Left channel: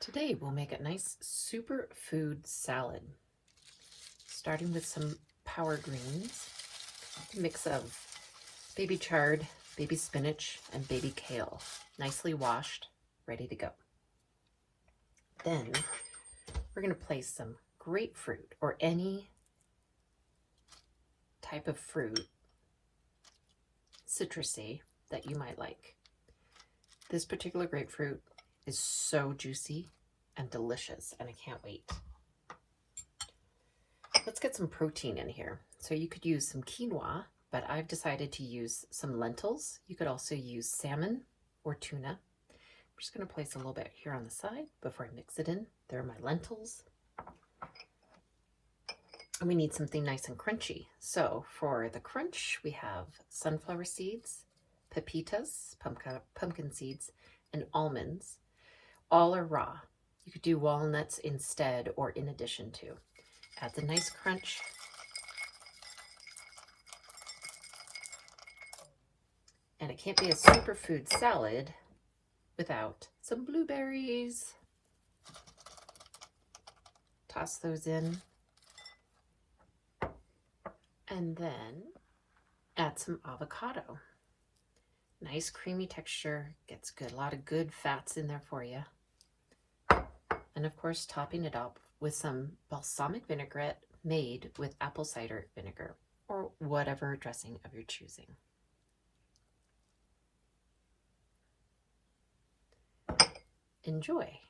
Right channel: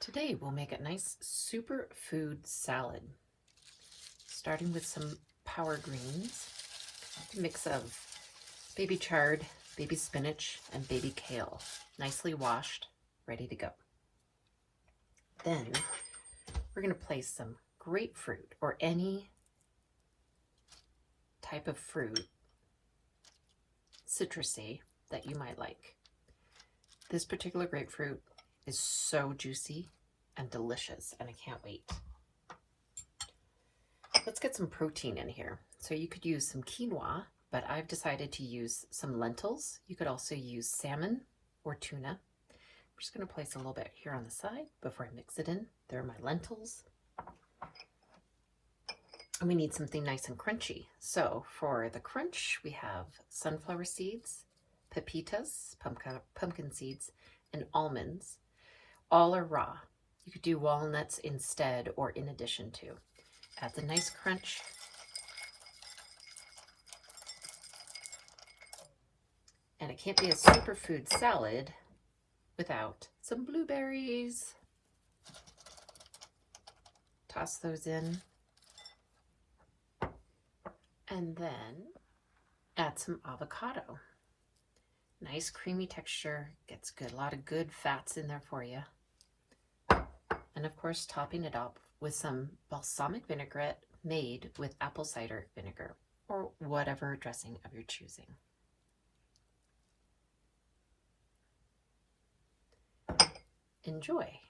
Today we'll make a nice superfood salad, starting with some power greens, a mix of baby chard, baby spinach, and baby kale, nicely washed, ready to go. Then we're going to place some grapefruit or any type of fruit, citrusy, that you might like. This particular grapefruit is so juicy and delicious, and I can't wait. Let's get some protein in here. So you could use some quinoa, but I've decided to use some lentils. You could also use salmon or tuna. I'm just going to place a little bit here on the side before I mix it in. There are my lentils. And we need something nice and crunchy. So for the crunch, we have sunflower seeds, pepitas, pumpkin seeds, and almonds. All are raw. You could do walnuts instead or in addition to. Adds a nice crunch. And it can't be a superfood salad without some blueberries. Toss those in. And then add some avocado. Nice creamy texture, gets good, a lot of good fats in there for you. And of course, topping it up with some balsamic vinaigrette made with apple cider vinegar or whatever dressing of your choosing. Enjoy.